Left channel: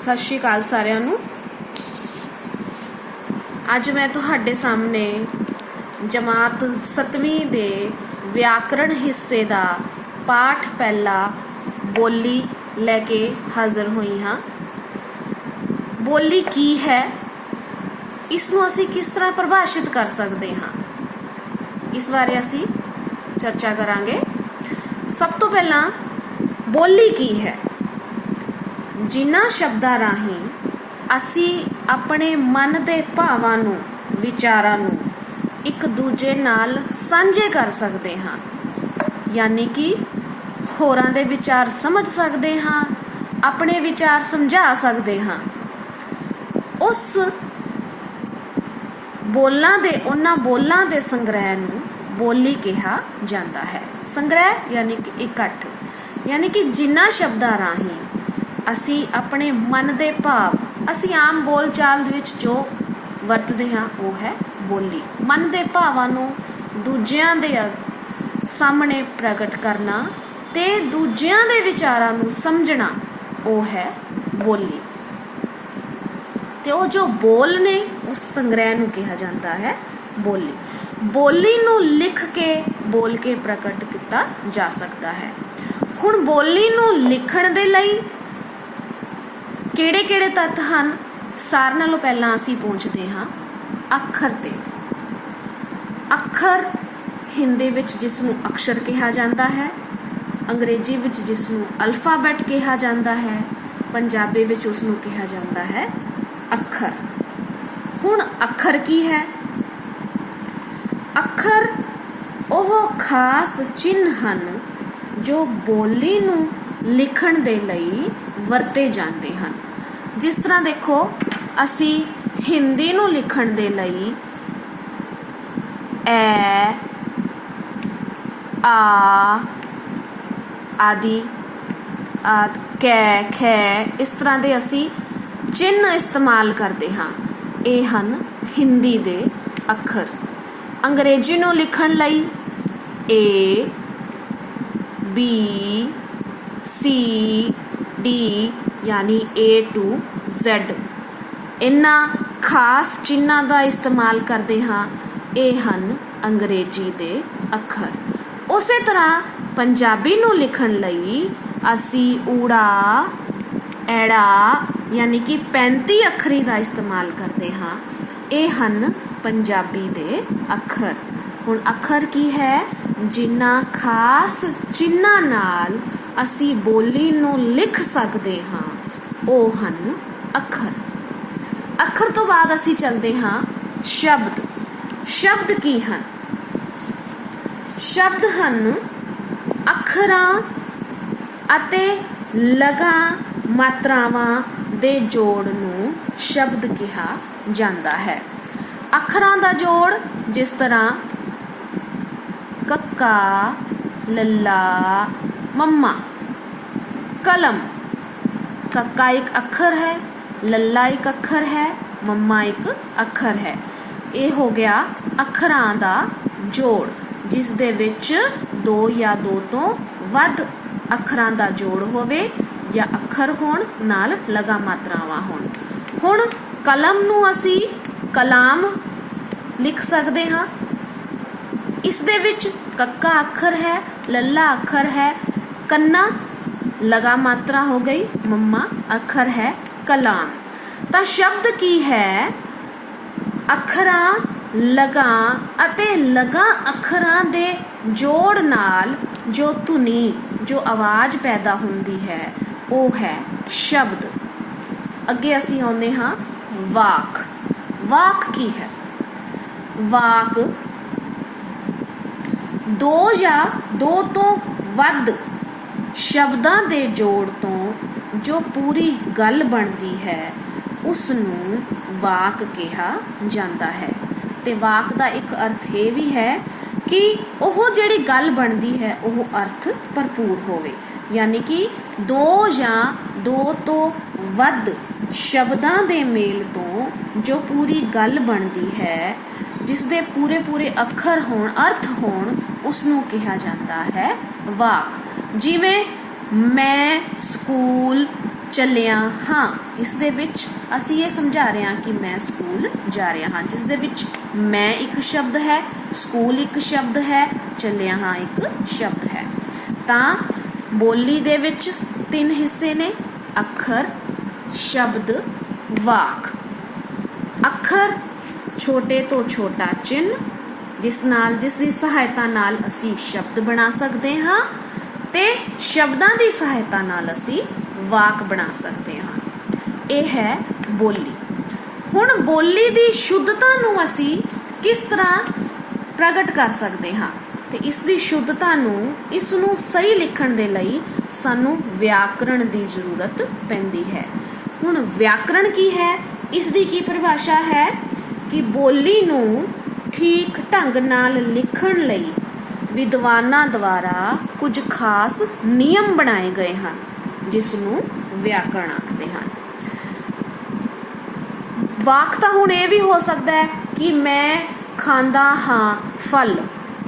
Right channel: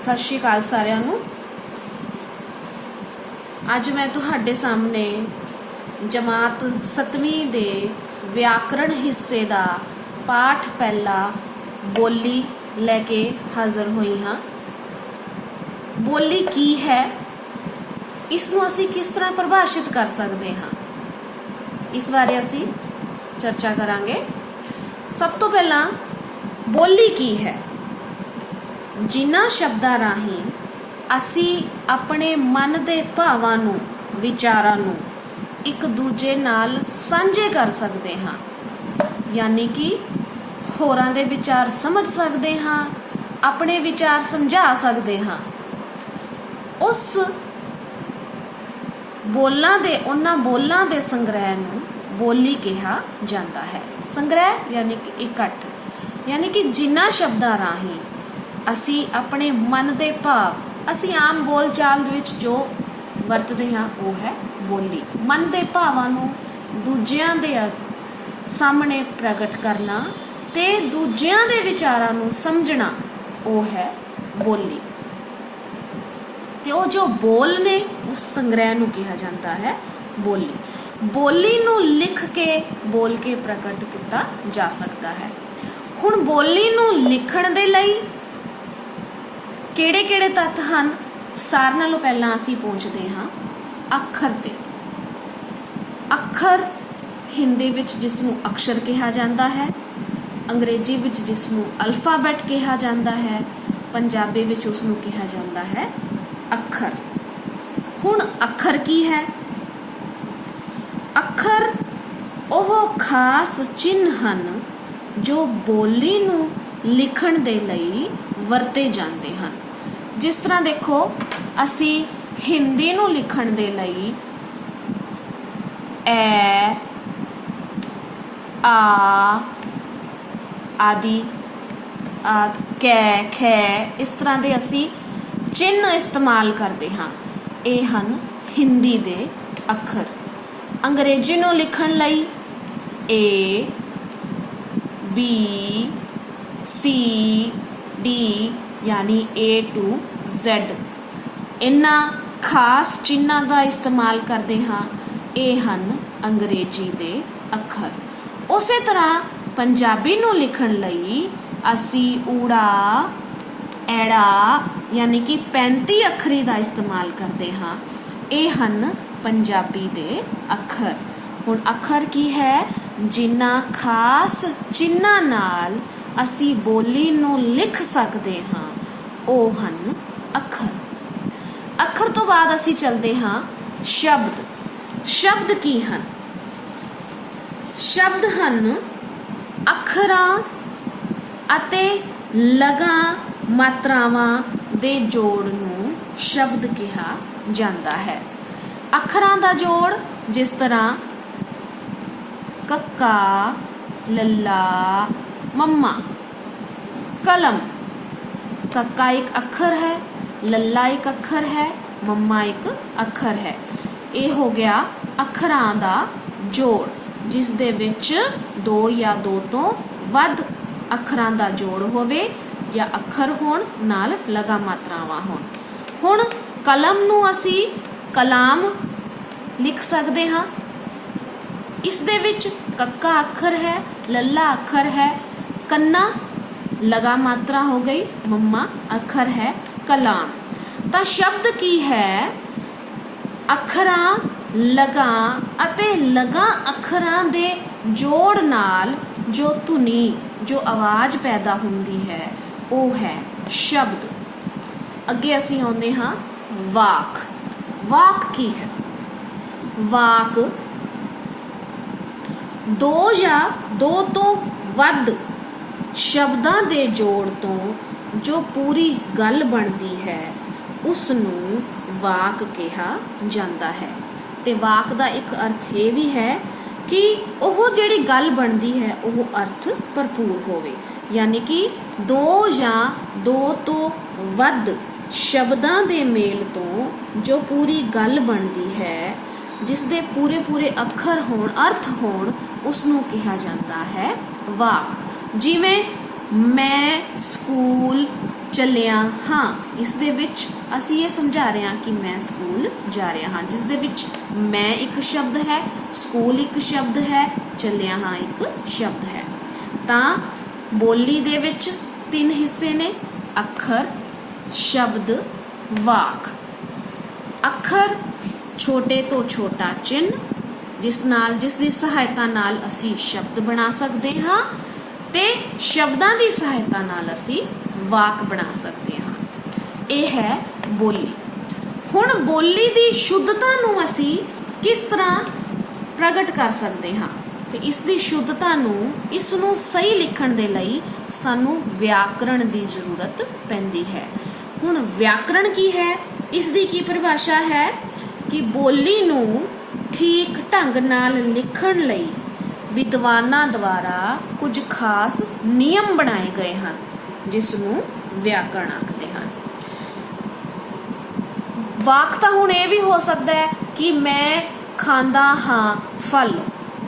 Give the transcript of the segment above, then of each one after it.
सत श्री अकाल सारिਆਂ ਨੂੰ। ਅੱਜ मैं ਤੁਹਾਡੇ सामने जमात 7ਵੀਂ ਦੇ व्याकरण हिस्से ਦਾ पाठ पहला बोली लैके हाज़र हुई हाँ। बोली की है, इसनूं असीं किस तरह परिभाषित कर सकते हाँ, इस बारे असीं चर्चा करांगे। सब तो पहला बोली की है, जिन्हां शब्दां राहीं ਅਸੀਂ ਆਪਣੇ ਮਨ ਦੇ ਭਾਵਾਂ ਨੂੰ ਵਿਚਾਰਾਂ ਨੂੰ ਇੱਕ ਦੂਜੇ ਨਾਲ ਸਾਂਝੇ ਕਰ ਸਕਦੇ ਹਾਂ, ਯਾਨੀ ਕਿ ਹੋਰਾਂ ਦੇ ਵਿਚਾਰ ਸਮਝ ਸਕਦੇ ਹਾਂ, ਆਪਣੇ ਵਿਚਾਰ ਸਮਝਾ ਸਕਦੇ ਹਾਂ। ਉਸ ਉਹਨਾਂ ਬੋਲਾਂ ਦੇ ਸੰਗ੍ਰਹਿ ਨੂੰ ਬੋਲੀ ਕਿਹਾ ਜਾਂਦਾ ਹੈ। ਸੰਗ੍ਰਹਿ ਯਾਨੀ ਕਿ ਇਕੱਠ, ਯਾਨੀ ਕਿ ਜਿਨ੍ਹਾਂ ਸ਼ਬਦਾਂ ਰਾਹੀਂ ਅਸੀਂ ਆਪਣੇ ਮਨ ਦੇ ਭਾਵ ਅਸੀਂ ਆਮ ਬੋਲਚਾਲ ਦੇ ਵਿੱਚ ਜੋ ਵਰਤਦੇ ਹਾਂ ਉਹ ਹੈ ਬੋਲੀ। ਮਨ ਦੇ ਭਾਵਾਂ ਨੂੰ ਦੂਜਿਆਂ ਦੇ ਸਾਹਮਣੇ ਪ੍ਰਗਟ ਕਰਨਾ ਤੇ ਦੂਜਿਆਂ ਦੇ ਵਿਚਾਰਾਂ ਨੂੰ ਸਮਝਣਾ ਉਹ ਹੈ ਬੋਲੀ। ਤੇ ਉਹ ਜੋ ਬੋਲ ਨੇ ਉਸ ਸੰਗ੍ਰਹਿ ਨੂੰ ਕਿਹਾ ਜਾਂਦਾ ਹੈ ਬੋਲੀ। ਬੋਲੀ ਨੂੰ ਲਿਖ ਕੇ ਬੋਲ ਕੇ ਪ੍ਰਗਟ ਕੀਤਾ ਜਾ ਸਕਦਾ ਹੈ। ਹੁਣ ਬੋਲੀ ਨੂੰ ਲਿਖਣ ਦੇ ਲਈ ਕਿਹੜੇ-ਕਿਹੜੇ ਤੱਤ ਹਨ, ਸਾਰਿਆਂ ਨਾਲੋਂ ਪਹਿਲਾਂ ਅਸੀਂ ਪਹੁੰਚਦੇ ਹਾਂ ਅੱਖਰ ਤੇ। ਅੱਖਰ ਹਿੰਦੀ ਵਿੱਚ ਜਿਸ ਨੂੰ ਅਕਸ਼ਰ ਕਿਹਾ ਜਾਂਦਾ ਹੈ, ਅੰਗਰੇਜ਼ੀ ਵਿੱਚ ਜਿਸ ਨੂੰ ਅਲਫਾਬੈਟ ਕਿਹਾ ਜਾਂਦਾ ਹੈ, ਪੰਜਾਬੀ ਵਿੱਚ ਉਸ ਨੂੰ ਕਿਹਾ ਜਾਂਦਾ ਹੈ ਅੱਖਰ। ਹੁਣ ਅੱਖਰ ਕੀ ਹੈ? ਅੱਖਰ ਉਹ ਖਾਸ ਚਿੰਨ੍ਹ ਹਨ ਜੋ ਬੋਲੀ ਨੂੰ ਲਿਖਣ ਦੇ ਲਈ ਵਰਤੇ ਜਾਂਦੇ ਹਨ। ਜਿਸ ਤਰ੍ਹਾਂ ਦੇਖੋ, ਅਸੀਂ ਹਿੰਦੀ ਨੂੰ ਲਿਖਣ ਦੇ ਲਈ ਐ, ਆ ਆਦਿ ਕੈ, ਖੈ ਇਸ ਤਰ੍ਹਾਂ ਦੇ ਅਸੀਂ ਚਿੰਨ੍ਹ ਇਸਤੇਮਾਲ ਕਰਦੇ ਹਾਂ। ਇਹ ਹਨ ਹਿੰਦੀ ਦੇ ਅੱਖਰ। ਅੰਗਰੇਜ਼ੀ ਨੂੰ ਲਿਖਣ ਲਈ ਏ, ਬੀ, ਸੀ, ਡੀ यानी A to Z इन्हां खास चिन्हां का इस्तेमाल करते हाँ। ये हन अंग्रेजी दे अखर। उस तरह पंजाबी नूं लिखण लई असी ऊड़ा, ऐड़ा यानी कि 35 अखरी का इस्तेमाल करते हाँ। ये हन पंजाबी दे अखर। हुण अखर की है, जिन्हां खास चिन्हां नाल ਅਸੀਂ ਬੋਲੀ ਨੂੰ ਲਿਖ ਸਕਦੇ ਹਾਂ ਉਹ ਹਨ ਅੱਖਰ। ਅੱਖਰ ਤੋਂ ਬਾਅਦ ਅਸੀਂ ਚੱਲਦੇ ਹਾਂ ਸ਼ਬਦ। ਸ਼ਬਦ ਕੀ ਹਨ? ਸ਼ਬਦ ਹਨ ਅੱਖਰਾਂ ਅਤੇ ਲਗਾਂ ਮਾਤਰਾਵਾਂ ਦੇ ਜੋੜ ਨੂੰ ਸ਼ਬਦ ਕਿਹਾ ਜਾਂਦਾ ਹੈ। ਅੱਖਰਾਂ ਦਾ ਜੋੜ ਜਿਸ ਤਰ੍ਹਾਂ ਕੱਕਾ, ਲੱਲਾ, मम्मा, कलम। कक्का एक अखर है, लल्ला एक अखर है, मम्मा एक अखर है। ये हो गया अखरां दा जोड़ जिस दे विच दो या दो तो वध अखरां दा जोड़ होवे या अखर होण नाल लगा मात्रावां होण। हुण कलम नूं असी कलाम लिख सकते हाँ। इस दे विच कक्का अखर है, लल्ला अखर है, कन्ना लगा मात्रा हो गई, मम्मा अखर है कलाम। तो शब्द की है अखरां, लगा अते लगा अखरां दे जोड़ नाल जो धुनी जो आवाज पैदा हुंदी है वो है शब्द। अगे असीं आउंदे हां वाक। वाक की है? वाक दो या दो तो वध शब्दां दे जोड़ तो जो पूरी गल बनती है उसनूं वाक कहा जाता है। ते वाक दा एक अर्थ ये भी है कि ओह जिहड़ी गल बनती है ओह अर्थ भरपूर होवे, यानी कि दो या दो तो वध शब्दां दे मेल तो जो पूरी गल बनती है, जिस दे पूरे पूरे अखर होण, अर्थ होण, उसनूं कहा जाता है वाक। जिवें मैं स्कूल ਚੱਲਿਆ ਹਾਂ, ਇਸ ਦੇ ਵਿੱਚ ਅਸੀਂ ਇਹ ਸਮਝਾ ਰਹੇ ਹਾਂ ਕਿ ਮੈਂ ਸਕੂਲ ਜਾ ਰਿਹਾ ਹਾਂ, ਜਿਸ ਦੇ ਵਿੱਚ ਮੈਂ ਇੱਕ ਸ਼ਬਦ ਹੈ, ਸਕੂਲ ਇੱਕ ਸ਼ਬਦ ਹੈ, ਚੱਲਿਆ ਹਾਂ ਇੱਕ ਸ਼ਬਦ ਹੈ। ਤਾਂ ਬੋਲੀ ਦੇ ਵਿੱਚ 3 ਹਿੱਸੇ ਨੇ, ਅੱਖਰ, ਸ਼ਬਦ, ਵਾਕ। ਅੱਖਰ ਛੋਟੇ ਤੋਂ ਛੋਟਾ ਚਿੰਨ੍ਹ ਜਿਸ ਦੀ ਸਹਾਇਤਾ ਨਾਲ ਅਸੀਂ ਸ਼ਬਦ ਬਣਾ ਸਕਦੇ ਹਾਂ ਤੇ ਸ਼ਬਦਾਂ ਦੀ ਸਹਾਇਤਾ ਨਾਲ ਅਸੀਂ ਵਾਕ ਬਣਾ ਸਕਦੇ ਹਾਂ। ਇਹ ਹੈ ਬੋਲੀ। ਹੁਣ ਬੋਲੀ ਦੀ ਸ਼ੁੱਧਤਾ ਨੂੰ ਅਸੀਂ ਕਿਸ ਤਰ੍ਹਾਂ ਪ੍ਰਗਟ ਕਰ ਸਕਦੇ ਹਾਂ ਤੇ ਇਸ ਦੀ ਸ਼ੁੱਧਤਾ ਨੂੰ, ਇਸ ਨੂੰ ਸਹੀ ਲਿਖਣ ਦੇ ਲਈ ਸਾਨੂੰ ਵਿਆਕਰਣ ਦੀ ਜ਼ਰੂਰਤ ਪੈਂਦੀ ਹੈ। ਹੁਣ ਵਿਆਕਰਣ ਕੀ ਹੈ? ਇਸ ਦੀ ਕੀ ਪਰਿਭਾਸ਼ਾ ਹੈ ਕਿ ਬੋਲੀ ਨੂੰ ਠੀਕ ਢੰਗ ਨਾਲ ਲਿਖਣ ਲਈ ਵਿਦਵਾਨਾਂ ਦੁਆਰਾ ਕੁਝ ਖਾਸ ਨਿਯਮ ਬਣਾਏ ਗਏ ਹਨ, ਜਿਸ ਨੂੰ ਵਿਆਕਰਣ ਆਖਦੇ ਹਨ। ਵਾਕ ਤਾਂ ਹੁਣ ਇਹ ਵੀ ਹੋ ਸਕਦਾ ਹੈ ਕਿ ਮੈਂ ਖਾਂਦਾ ਹਾਂ ਫਲ,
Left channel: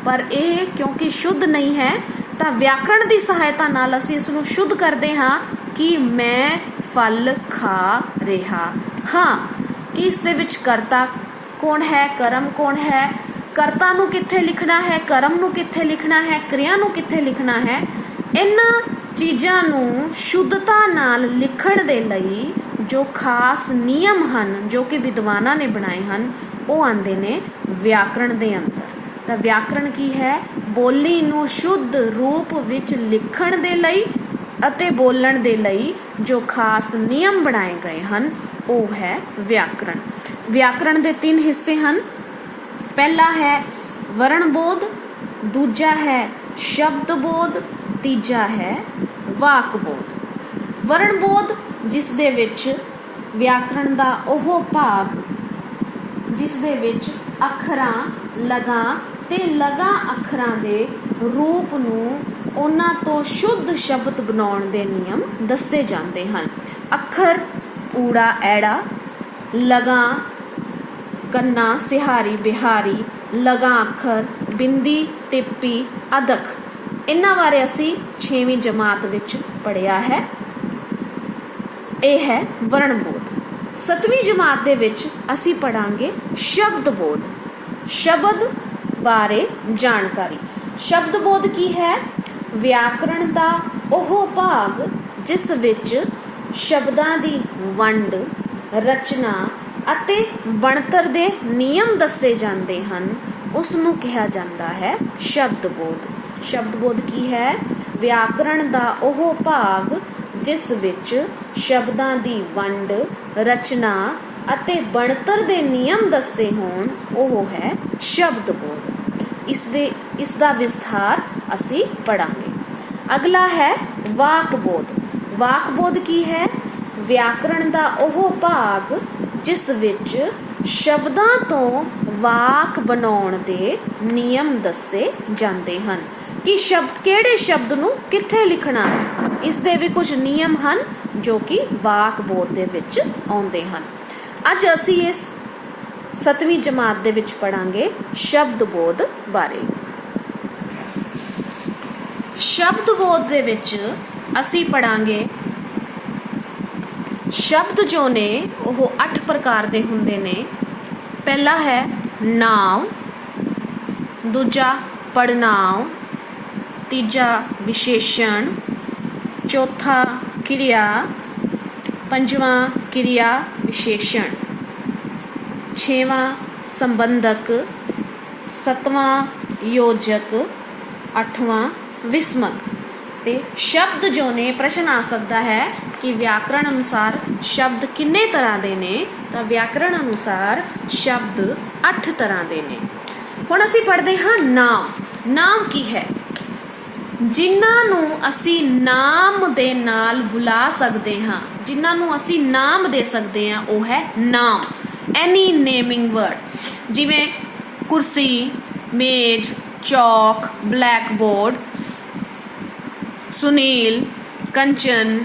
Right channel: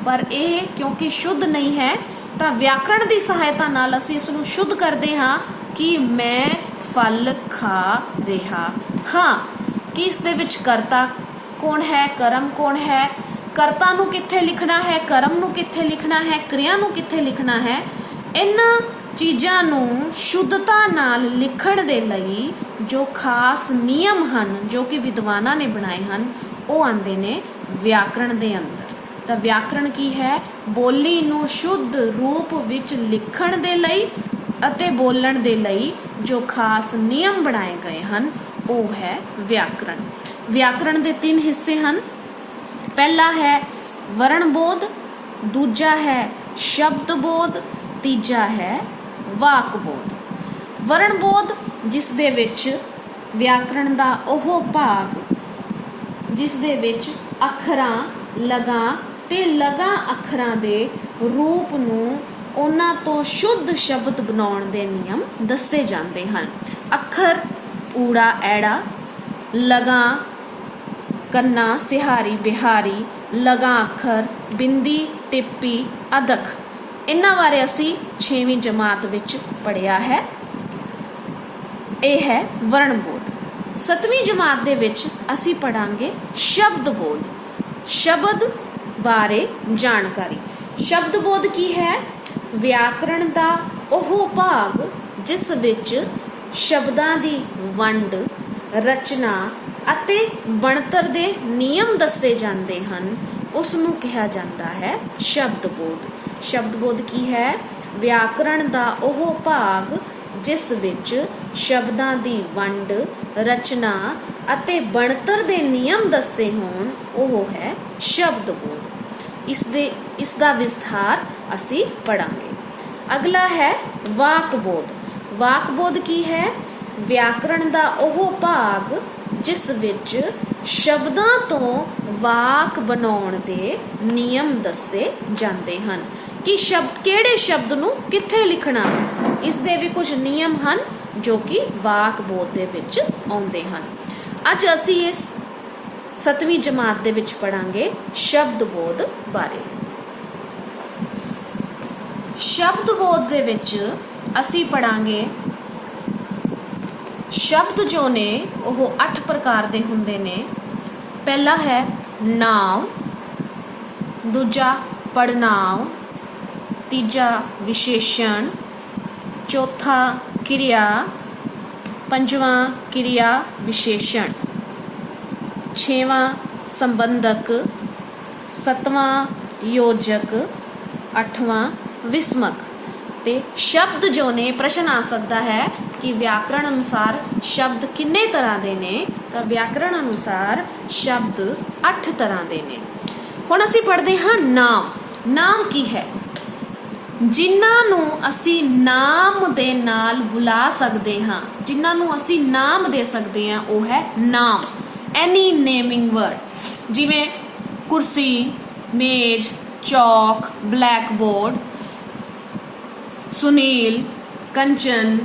ਪਰ ਇਹ ਕਿਉਂਕਿ ਸ਼ੁੱਧ ਨਹੀਂ ਹੈ ਤਾਂ ਵਿਆਕਰਣ ਦੀ ਸਹਾਇਤਾ ਨਾਲ ਅਸੀਂ ਇਸ ਨੂੰ ਸ਼ੁੱਧ ਕਰਦੇ ਹਾਂ ਕਿ ਮੈਂ ਫਲ ਖਾ ਰਿਹਾ ਹਾਂ। ਕਿ ਇਸ ਦੇ ਵਿੱਚ ਕਰਤਾ ਕੌਣ ਹੈ, ਕਰਮ ਕੌਣ ਹੈ, ਕਰਤਾ ਨੂੰ ਕਿੱਥੇ ਲਿਖਣਾ ਹੈ, ਕਰਮ ਨੂੰ ਕਿੱਥੇ ਲਿਖਣਾ ਹੈ, ਕਿਰਿਆ ਨੂੰ ਕਿੱਥੇ ਲਿਖਣਾ ਹੈ। ਇਹਨਾਂ ਚੀਜ਼ਾਂ ਨੂੰ ਸ਼ੁੱਧਤਾ ਨਾਲ ਲਿਖਣ ਦੇ ਲਈ ਜੋ ਖਾਸ ਨਿਯਮ ਹਨ, ਜੋ ਕਿ ਵਿਦਵਾਨਾਂ ਨੇ ਬਣਾਏ ਹਨ, ਉਹ ਆਉਂਦੇ ਨੇ ਵਿਆਕਰਣ ਦੇ ਅੰਦਰ। ਤਾਂ ਵਿਆਕਰਣ ਕੀ ਹੈ? ਬੋਲੀ ਨੂੰ ਸ਼ੁੱਧ ਰੂਪ ਵਿੱਚ ਲਿਖਣ ਦੇ ਲਈ ਅਤੇ ਬੋਲਣ ਦੇ ਲਈ ਜੋ ਖਾਸ ਨਿਯਮ ਬਣਾਏ ਗਏ ਹਨ, ਉਹ ਹੈ ਵਿਆਕਰਣ। ਵਿਆਕਰਣ ਦੇ 3 ਹਿੱਸੇ ਹਨ। ਪਹਿਲਾ ਹੈ ਵਰਣਬੋਧ, ਦੂਜਾ ਹੈ ਸ਼ਬਦਬੋਧ, ਤੀਜਾ ਹੈ ਵਾਕਬੋਧ। ਵਰਣਬੋਧ ਜਿਸ ਦੇ ਵਿੱਚ ਵਿਆਕਰਣ ਦਾ ਉਹ ਭਾਗ ਜਿਸ ਦੇ ਵਿੱਚ ਅੱਖਰਾਂ, ਲਗਾਂ ਤੇ ਲਗਾਂ ਅੱਖਰਾਂ ਦੇ ਰੂਪ ਨੂੰ ਉਹਨਾਂ ਤੋਂ ਸ਼ੁੱਧ ਸ਼ਬਦ ਬਣਾਉਣ ਦੇ ਨਿਯਮ ਦੱਸੇ ਜਾਂਦੇ ਹਨ। ਅੱਖਰ ਊੜਾ ਐੜਾ, ਲਗਾਂ ਕੰਨਾ ਸਿਹਾਰੀ ਬਿਹਾਰੀ, ਲਗਾਂ ਅੱਖਰ ਬਿੰਦੀ ਟਿੱਪੀ ਅਦਕ, ਇਹਨਾਂ ਬਾਰੇ ਅਸੀਂ 6ਵੀਂ ਜਮਾਤ ਵਿੱਚ ਪੜ੍ਹਿਆ ਹੈ। ਇਹ ਹੈ ਵਰਣਬੋਧ। 7ਵੀਂ ਜਮਾਤ ਦੇ ਵਿੱਚ ਅਸੀਂ ਪੜਾਂਗੇ ਸ਼ਬਦਬੋਧ, ਸ਼ਬਦ ਬਾਰੇ ਜਾਣਕਾਰੀ। ਸ਼ਬਦਬੋਧ ਕੀ ਹੈ? ਵਿਆਕਰਣ ਦਾ ਉਹ ਭਾਗ ਜਿਸ ਵਿੱਚ ਸ਼ਬਦਾਂ ਦੀ ਵੰਡ, ਰਚਨਾ ਅਤੇ ਬਣਤਰ ਦੇ ਨਿਯਮ ਦੱਸੇ ਜਾਂਦੇ ਹਨ, ਉਸ ਨੂੰ ਕਿਹਾ ਜਾਂਦਾ ਹੈ ਸ਼ਬਦਬੋਧ। ਸ਼ਬਦਬੋਧ ਕੀ ਹੈ? ਵਿਆਕਰਣ ਦਾ ਉਹ ਭਾਗ ਜਿਸ ਵਿੱਚ ਸ਼ਬਦਾਂ ਦੀ ਵੰਡ, ਰਚਨਾ ਅਤੇ ਬਣਤਰ ਦੇ ਨਿਯਮ ਦੱਸੇ ਹੋਣ, ਉਹ ਹੈ ਸ਼ਬਦਬੋਧ। ਇਸ ਦਾ ਵਿਸਥਾਰ ਅਸੀਂ ਪੜਾਂਗੇ। ਅਗਲਾ ਹੈ ਵਾਕਬੋਧ। ਵਾਕਬੋਧ ਕੀ ਹੈ? ਵਿਆਕਰਣ ਦਾ ਉਹ ਭਾਗ ਜਿਸ ਵਿੱਚ ਸ਼ਬਦਾਂ ਤੋਂ ਵਾਕ ਬਣਾਉਣ ਦੇ ਨਿਯਮ ਦੱਸੇ ਜਾਂਦੇ ਹਨ ਕਿ ਕਿਹੜੇ ਸ਼ਬਦ ਨੂੰ ਕਿੱਥੇ ਲਿਖਣਾ ਹੈ। ਇਸ ਦੇ ਵੀ ਕੁਝ ਨਿਯਮ ਹਨ ਜੋ ਕਿ ਵਾਕਬੋਧ ਦੇ ਵਿੱਚ ਆਉਂਦੇ ਹਨ। ਅੱਜ ਅਸੀਂ ਇਸ 7ਵੀਂ ਜਮਾਤ ਦੇ ਵਿੱਚ ਪੜਾਂਗੇ ਸ਼ਬਦਬੋਧ ਬਾਰੇ। ਸ਼ਬਦਬੋਧ ਦੇ ਵਿੱਚ ਅਸੀਂ ਪੜਾਂਗੇ ਸ਼ਬਦ ਜੋ ਨੇ ਉਹ 8 ਪ੍ਰਕਾਰ ਦੇ ਹੁੰਦੇ ਨੇ। ਪਹਿਲਾ ਹੈ ਨਾਂਵ, ਦੂਜਾ ਪੜਨਾਂਵ, ਤੀਜਾ ਵਿਸ਼ੇਸ਼ਣ, ਚੌਥਾ ਕਿਰਿਆ, ਪੰਜਵਾਂ ਕਿਰਿਆ ਵਿਸ਼ੇਸ਼ਣ, ਛੇਵਾਂ ਸੰਬੰਧਕ, ਸੱਤਵਾਂ ਯੋਜਕ, ਅੱਠਵਾਂ ਵਿਸਮਕ। ਤੇ ਸ਼ਬਦ ਜੋ ਨੇ, ਪ੍ਰਸ਼ਨ ਆ ਸਕਦਾ ਹੈ ਕਿ ਵਿਆਕਰਣ ਅਨੁਸਾਰ ਸ਼ਬਦ ਕਿੰਨੇ ਤਰ੍ਹਾਂ ਦੇ ਨੇ? ਤਾਂ ਵਿਆਕਰਣ ਅਨੁਸਾਰ ਸ਼ਬਦ 8 ਤਰ੍ਹਾਂ ਦੇ ਨੇ। ਹੁਣ ਅਸੀਂ ਪੜ੍ਹਦੇ ਹਾਂ ਨਾਮ। ਨਾਮ ਕੀ ਹੈ? ਜਿਨ੍ਹਾਂ ਨੂੰ ਅਸੀਂ ਨਾਮ ਦੇ ਨਾਲ ਬੁਲਾ ਸਕਦੇ ਹਾਂ, ਜਿਨ੍ਹਾਂ ਨੂੰ ਅਸੀਂ ਨਾਮ ਦੇ ਸਕਦੇ ਹਾਂ, ਉਹ ਹੈ ਨਾਮ। ਐਨੀ ਨੇਮਿੰਗ ਵਰਡ, ਜਿਵੇਂ ਕੁਰਸੀ, ਮੇਜ਼, ਚੌਕ, ਬਲੈਕ ਬੋਰਡ, ਸੁਨੀਲ, ਕੰਚਨ,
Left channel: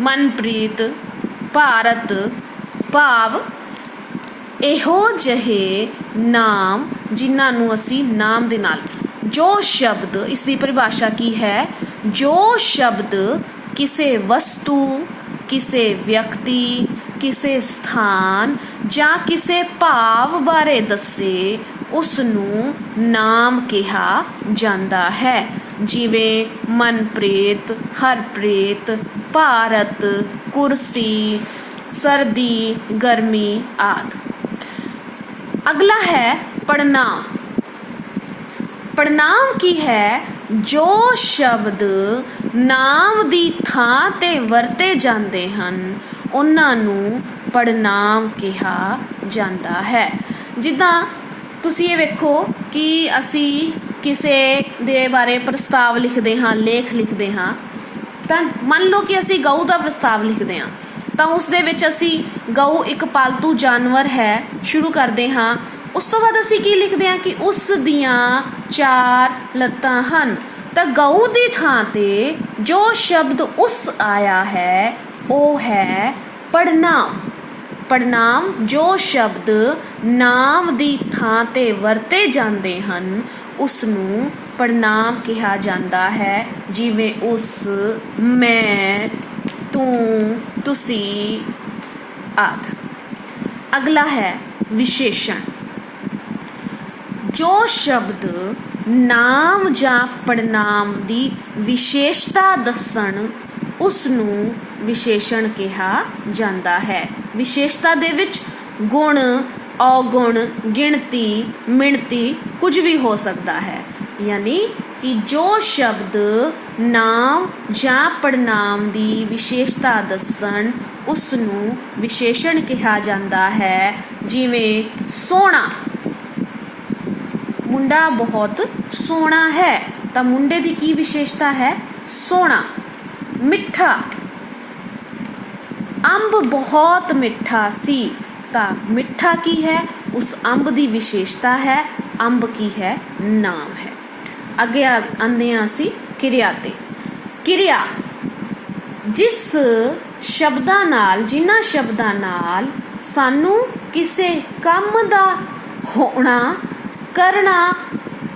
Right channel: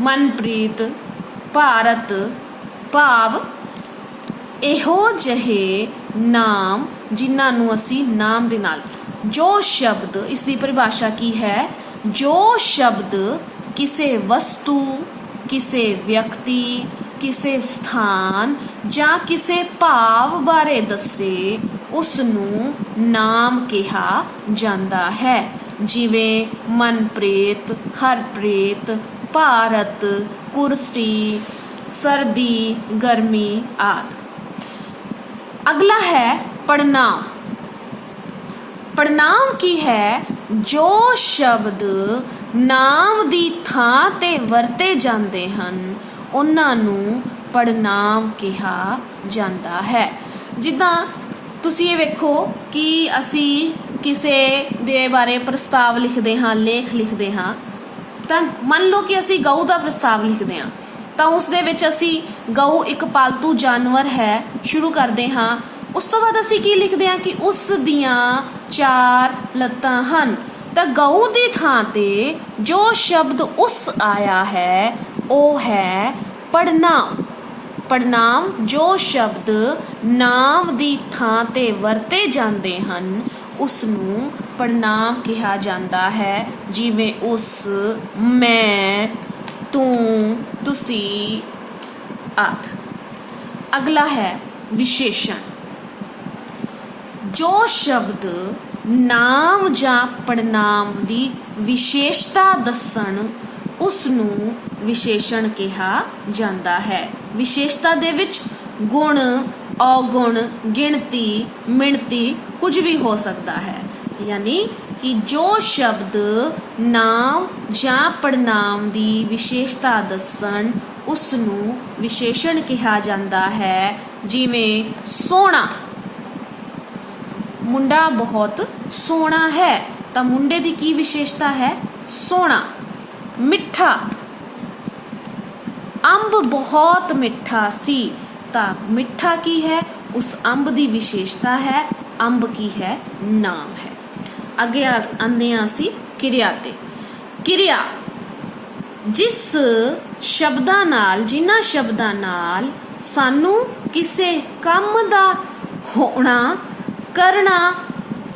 ਮਨਪ੍ਰੀਤ, ਭਾਰਤ, ਭਾਵ ਇਹੋ ਜਿਹੇ ਨਾਮ ਜਿਨ੍ਹਾਂ ਨੂੰ ਅਸੀਂ ਨਾਮ ਦੇ ਨਾਲ, ਜੋ ਸ਼ਬਦ, ਇਸ ਦੀ ਪਰਿਭਾਸ਼ਾ ਕੀ ਹੈ? ਜੋ ਸ਼ਬਦ ਕਿਸੇ ਵਸਤੂ, ਕਿਸੇ ਵਿਅਕਤੀ, ਕਿਸੇ ਸਥਾਨ ਜਾਂ ਕਿਸੇ ਭਾਵ ਬਾਰੇ ਦੱਸੇ ਉਸ ਨੂੰ ਨਾਮ ਕਿਹਾ ਜਾਂਦਾ ਹੈ। ਜਿਵੇਂ ਮਨਪ੍ਰੀਤ, ਹਰਪ੍ਰੀਤ, ਭਾਰਤ, ਕੁਰਸੀ, ਸਰਦੀ, ਗਰਮੀ ਆਦਿ। ਅਗਲਾ ਹੈ ਪੜਨਾਮ। ਪੜਨਾਮ ਕੀ ਹੈ? ਜੋ ਸ਼ਬਦ ਨਾਮ ਦੀ ਥਾਂ ਤੇ ਵਰਤੇ ਜਾਂਦੇ ਹਨ ਉਹਨਾਂ ਨੂੰ ਪੜਨਾਮ ਕਿਹਾ ਜਾਂਦਾ ਹੈ। ਜਿੱਦਾਂ ਤੁਸੀਂ ਇਹ ਵੇਖੋ ਕਿ ਅਸੀਂ ਕਿਸੇ ਦੇ ਬਾਰੇ ਪ੍ਰਸਤਾਵ ਲਿਖਦੇ ਹਾਂ, ਲੇਖ ਲਿਖਦੇ ਹਾਂ, ਤਾਂ ਮੰਨ ਲਓ ਕਿ ਅਸੀਂ ਗਊ ਦਾ ਪ੍ਰਸਤਾਵ ਲਿਖਦੇ ਹਾਂ ਤਾਂ ਉਸ ਦੇ ਵਿੱਚ ਅਸੀਂ ਗਊ ਇੱਕ ਪਾਲਤੂ ਜਾਨਵਰ ਹੈ ਸ਼ੁਰੂ ਕਰਦੇ ਹਾਂ। ਉਸ ਤੋਂ ਬਾਅਦ ਅਸੀਂ ਕੀ ਲਿਖਦੇ ਹਾਂ ਕਿ ਉਸ ਦੀਆਂ 4 ਲੱਤਾਂ ਹਨ। ਤਾਂ ਗਊ ਦੀ ਥਾਂ ਤੇ ਜੋ ਸ਼ਬਦ ਉਸ ਆਇਆ ਹੈ ਉਹ ਹੈ ਪੜਨਾਮ। ਪੜਨਾਮ ਜੋ ਸ਼ਬਦ ਨਾਮ ਦੀ ਥਾਂ ਤੇ ਵਰਤੇ ਜਾਂਦੇ ਹਨ ਉਸ ਨੂੰ ਪੜਨਾਮ ਕਿਹਾ ਜਾਂਦਾ ਹੈ। ਜਿਵੇਂ ਉਸ, ਮੈਂ, ਤੂੰ, ਤੁਸੀਂ ਆਦਿ। ਅਗਲਾ ਹੈ ਵਿਸ਼ੇਸ਼ਣ। ਜੋ ਸ਼ਬਦ ਨਾਮ ਜਾਂ ਪੜਨਾਮ ਦੀ ਵਿਸ਼ੇਸ਼ਤਾ ਦੱਸਣ ਉਸ ਨੂੰ ਵਿਸ਼ੇਸ਼ਣ ਕਿਹਾ ਜਾਂਦਾ ਹੈ। ਵਿਸ਼ੇਸ਼ਤਾ ਦੇ ਵਿੱਚ ਗੁਣ, ਔਗੁਣ, ਗਿਣਤੀ, ਮਿਣਤੀ ਕੁਝ ਵੀ ਹੋ ਸਕਦਾ ਹੈ। ਯਾਨੀ ਕਿ ਜੋ ਸ਼ਬਦ ਨਾਮ ਜਾਂ ਪੜਨਾਮ ਦੀ ਵਿਸ਼ੇਸ਼ਤਾ ਦੱਸਣ ਉਸ ਨੂੰ ਵਿਸ਼ੇਸ਼ਣ ਕਿਹਾ ਜਾਂਦਾ ਹੈ। ਜਿਵੇਂ ਸੋਹਣਾ, ਮੁੰਡਾ ਬਹੁਤ ਸੋਹਣਾ ਹੈ ਤਾਂ ਮੁੰਡੇ ਦੀ ਕੀ ਵਿਸ਼ੇਸ਼ਤਾ ਹੈ? ਸੋਹਣਾ। ਮਿੱਠਾ, ਅੰਬ ਬਹੁਤ ਮਿੱਠਾ ਸੀ ਤਾਂ ਮਿੱਠਾ ਕੀ ਹੈ? ਉਸ ਅੰਬ ਦੀ ਵਿਸ਼ੇਸ਼ਤਾ ਹੈ। ਅੰਬ ਕੀ ਹੈ? ਨਾਮ ਹੈ। ਅੱਗੇ ਆਉਂਦੇ ਹਾਂ ਅਸੀਂ ਕਿਰਿਆ ਤੇ। ਕਿਰਿਆ ਜਿਸ ਸ਼ਬਦਾਂ ਨਾਲ, ਜਿਨ੍ਹਾਂ ਸ਼ਬਦਾਂ ਨਾਲ ਸਾਨੂੰ ਕਿਸੇ ਕੰਮ ਦਾ ਹੋਣਾ, ਕਰਨਾ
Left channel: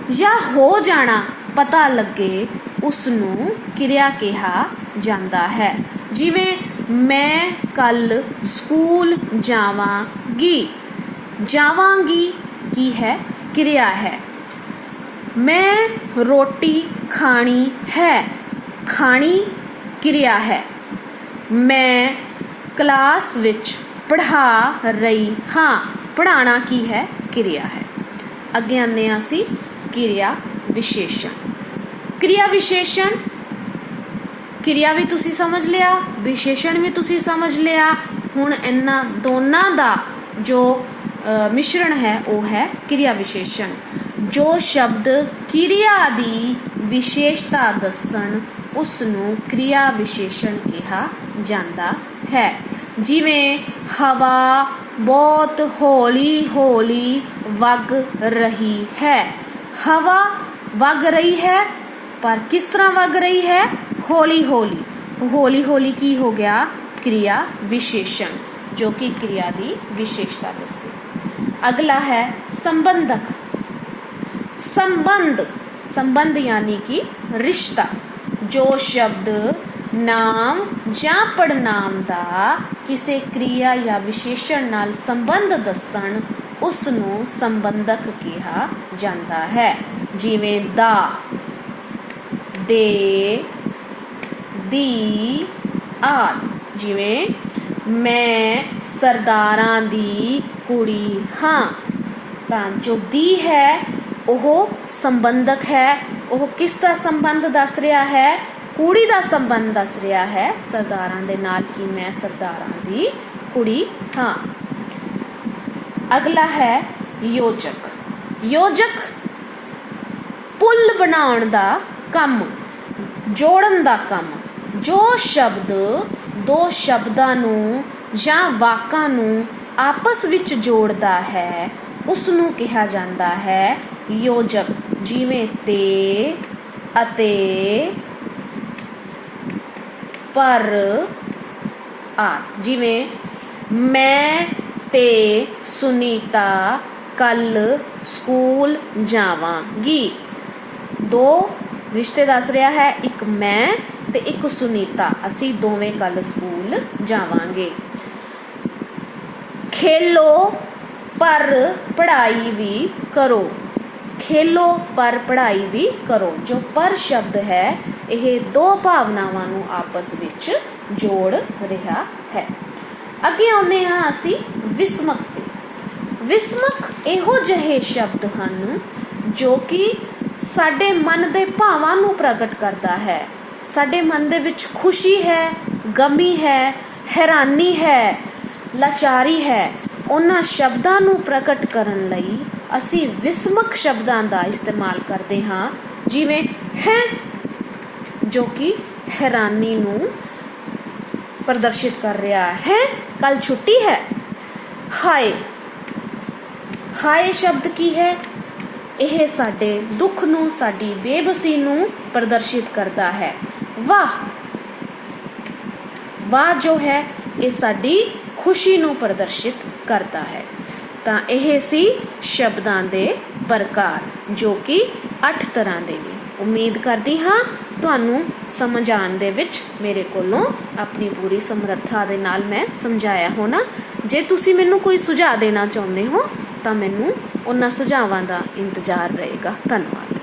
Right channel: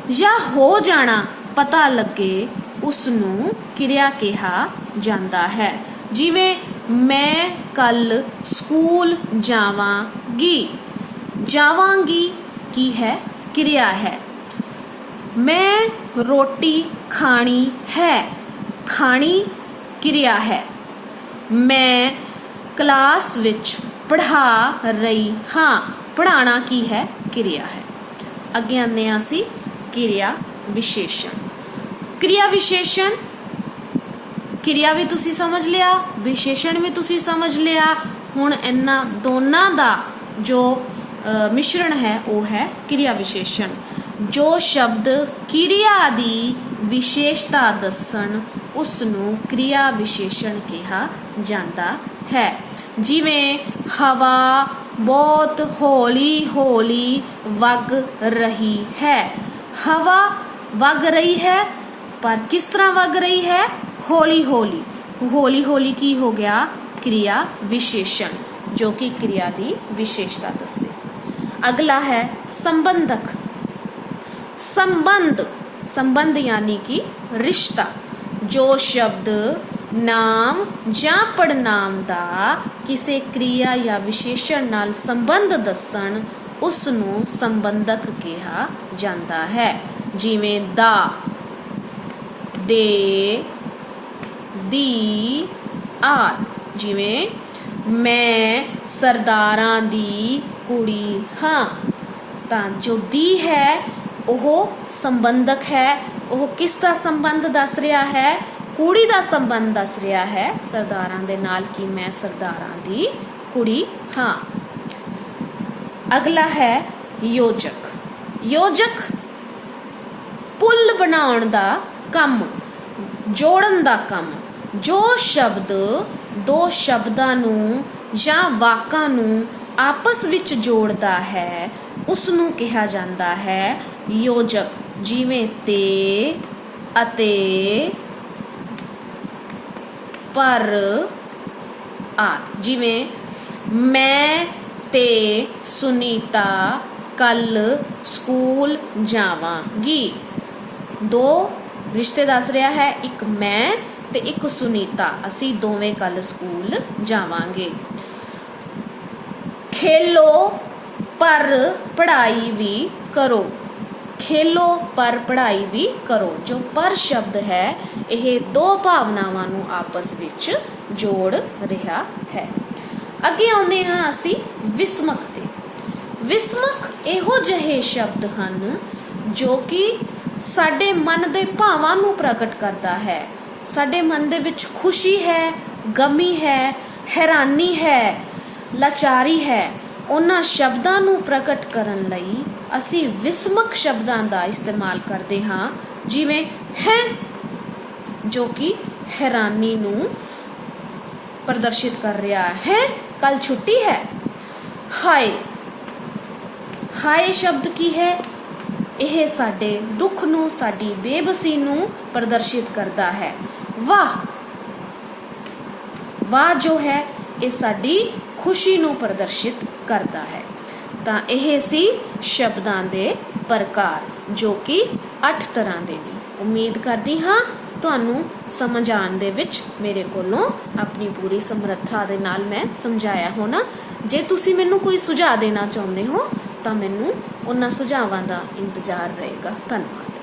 ਜਾਂ ਹੋ ਜਾਣਾ ਪਤਾ ਲੱਗੇ ਉਸ ਨੂੰ ਕਿਰਿਆ ਕਿਹਾ ਜਾਂਦਾ ਹੈ। ਜਿਵੇਂ ਮੈਂ ਕੱਲ ਸਕੂਲ ਜਾਵਾਂਗੀ। ਜਾਵਾਂਗੀ ਕੀ ਹੈ? ਕਿਰਿਆ ਹੈ। ਮੈਂ ਰੋਟੀ ਖਾਣੀ ਹੈ। ਖਾਣੀ ਕਿਰਿਆ ਹੈ। ਮੈਂ ਕਲਾਸ ਵਿੱਚ ਪੜ੍ਹਾ ਰਹੀ ਹਾਂ। ਪੜ੍ਹਾਉਣਾ ਕੀ ਹੈ? ਕਿਰਿਆ ਹੈ। ਅੱਗੇ ਆਉਂਦੇ ਹਾਂ ਅਸੀਂ ਕਿਰਿਆ ਵਿਸ਼ੇਸ਼ਣ। ਕਿਰਿਆ ਵਿਸ਼ੇਸ਼ਣ, ਕਿਰਿਆ ਵੀ ਤੁਸੀਂ ਸਮਝ ਲਿਆ, ਵਿਸ਼ੇਸ਼ਣ ਵੀ ਤੁਸੀਂ ਸਮਝ ਲਿਆ। ਹੁਣ ਇਹਨਾਂ ਦੋਨਾਂ ਦਾ ਜੋ ਮਿਸ਼ਰਣ ਹੈ ਉਹ ਹੈ ਕਿਰਿਆ ਵਿਸ਼ੇਸ਼ਣ। ਜੋ ਸ਼ਬਦ ਕਿਰਿਆ ਦੀ ਵਿਸ਼ੇਸ਼ਤਾ ਦੱਸਣ ਉਸ ਨੂੰ ਕਿਰਿਆ ਵਿਸ਼ੇਸ਼ਣ ਕਿਹਾ ਜਾਂਦਾ ਹੈ। ਜਿਵੇਂ ਹਵਾ ਬਹੁਤ ਹੌਲੀ ਹੌਲੀ ਵਗ ਰਹੀ ਹੈ। ਹਵਾ ਵਗ ਰਹੀ ਹੈ ਪਰ ਕਿਸ ਤਰ੍ਹਾਂ ਵਗ ਰਹੀ ਹੈ? ਹੌਲੀ ਹੌਲੀ। ਹੌਲੀ ਹੌਲੀ ਕੀ ਹੋ ਗਿਆ? ਕਿਰਿਆ ਵਿਸ਼ੇਸ਼ਣ ਜੋ ਕਿ ਕਿਰਿਆ ਦੀ ਵਿਸ਼ੇਸ਼ਤਾ ਦੱਸੇ। ਅਗਲਾ ਹੈ ਸੰਬੰਧਕ। ਸੰਬੰਧ, ਸੰਬੰਧ ਯਾਨੀ ਕਿ ਰਿਸ਼ਤਾ। ਜੋ ਸ਼ਬਦ ਨਾਮ ਜਾਂ ਪੜਨਾਮ ਦਾ ਕਿਸੇ ਕਿਰਿਆ ਜਾਂ ਵਿਸ਼ੇਸ਼ਣ ਨਾਲ ਸੰਬੰਧ ਦੱਸਣ ਉਸ ਨੂੰ ਸੰਬੰਧਕ ਕਿਹਾ ਜਾਂਦਾ ਹੈ। ਜਿਵੇਂ ਦਾ, ਦੇ, ਦੀ ਆਦਿ। ਜਿਵੇਂ ਮੈਂ ਸਰਦਾਰਾਂ ਦੀ ਕੁੜੀ ਹਾਂ ਤਾਂ ਜੋ ਦੀ ਹੈ ਉਹ ਸੰਬੰਧਕ ਹੈ। ਉਹ ਕਿਸ ਦਾ ਸੰਬੰਧ ਦੱਸ ਰਿਹਾ ਹੈ? ਕੁੜੀ ਦਾ ਸੰਬੰਧ ਦੱਸ ਰਿਹਾ ਹੈ ਸਰਦਾਰਾਂ ਦੇ ਨਾਲ ਕਿ ਮੈਂ ਸਰਦਾਰਾਂ ਦੀ ਕੁੜੀ ਹਾਂ। ਅਗਲਾ ਹੈ ਯੋਜਕ। ਯੋਜਕ ਪੁੱਲ ਬਣਾਉਣ ਦਾ ਕੰਮ, ਜੋੜਨ ਦਾ ਕੰਮ। ਜੋ ਸ਼ਬਦ ਦੋ ਸ਼ਬਦਾਂ ਨੂੰ ਜਾਂ ਵਾਕਾਂ ਨੂੰ ਆਪਸ ਵਿੱਚ ਜੋੜਦਾ ਹੈ ਉਸ ਨੂੰ ਕਿਹਾ ਜਾਂਦਾ ਹੈ ਯੋਜਕ। ਜਿਵੇਂ ਤੇ, ਅਤੇ, ਪਰ ਆਦਿ। ਜਿਵੇਂ ਮੈਂ ਤੇ ਸੁਨੀਤਾ ਕੱਲ ਸਕੂਲ ਜਾਵਾਂਗੀ। ਦੋ ਰਿਸ਼ਤੇ ਦੱਸ ਰਿਹਾ ਹੈ, ਇੱਕ ਮੈਂ ਤੇ ਇੱਕ ਸੁਨੀਤਾ। ਅਸੀਂ ਦੋਵੇਂ ਕੱਲ ਸਕੂਲ ਜਾਵਾਂਗੇ। खेलो पर पढ़ाई भी करो। खेलो पर पढ़ाई भी करो। जो पर शब्द है यह दो भावनावां नूं आपस विच जोड़ रहा है। अगे आउंदे हां असीं विस्मक ते। विस्मक इहो जिहे शब्द हन जो कि साडे मन दे भावां नूं प्रगट करदा है। साडे मन दे विच खुशी है, गमी है, हैरानी है, लाचारी है। उन्हां शब्दां नूं प्रगट करन लई असीं विस्मक शब्दां दा इस्तेमाल करदे हां, जिवें है जो कि हैरानी नूं प्रदर्शित कर रहा है, कल छुट्टी है। हाय, हाय शब्द की है? यह साडे दुख नूं, साडी बेबसी नूं प्रदर्शित करता है। वाह, वाह जो है ये साडी खुशी नूं प्रदर्शित करता है। तां यह सी शब्दां दे प्रकार जो कि 8 तरह दे ने। उम्मीद करदी हां तुहानूं समझ आउण दे विच मेरे कोलों अपनी पूरी समर्था दे नाल मैं समझाया होना। जे तुसीं मैनूं कोई सुझाव देना चाहुंदे हो तां मैनूं उन्हां सुझावां दा इंतजार रहेगा। धन्नवाद।